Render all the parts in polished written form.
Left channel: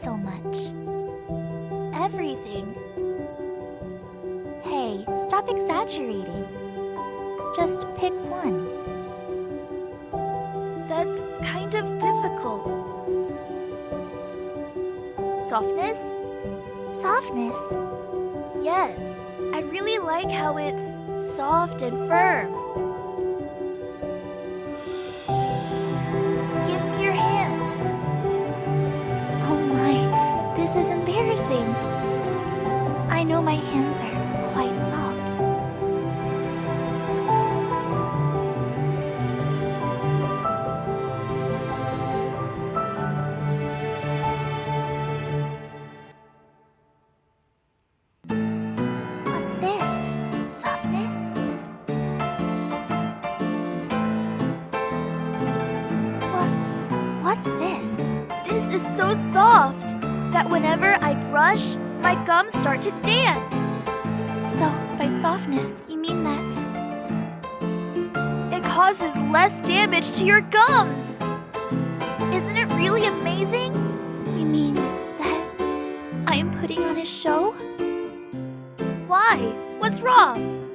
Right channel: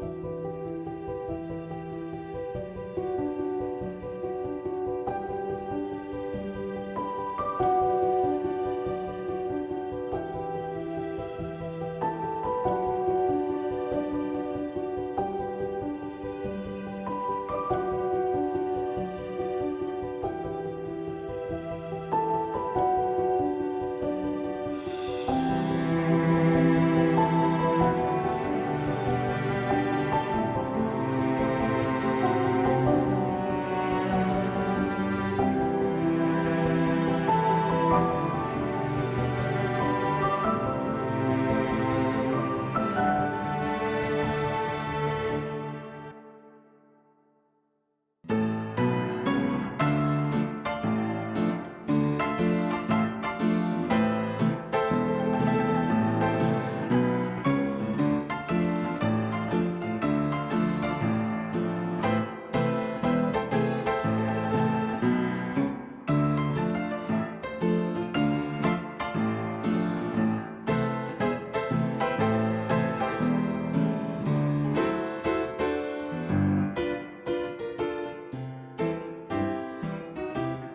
so much? Everything. Hey, stop exaggerating. Just pick one. That's kind of difficult. Softness? Softness? Yes, I really like how it's soft and firm. Give me your hand. Oh my, this is embarrassing. I know my hands are quite soft. What's this? Softness? What's this? This is so soft that whenever I brush, my gums start to dance. So, by softness, you mean that it causes less damage to your gums. Isn't it really amazing? You mean that I am putting on a show? Why? What's wrong?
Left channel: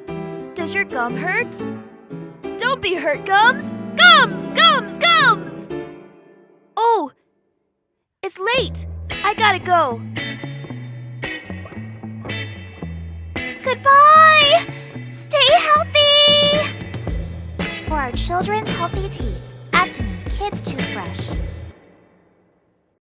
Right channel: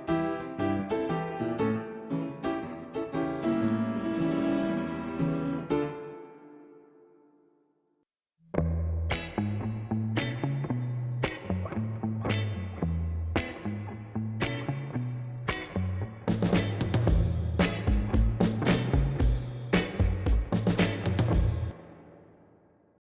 Does your gum hurt? Don't be hurt, gums! Gums! Gums! Gums! Oh, it's late. I gotta go. Goodbye! Stay healthy! For our children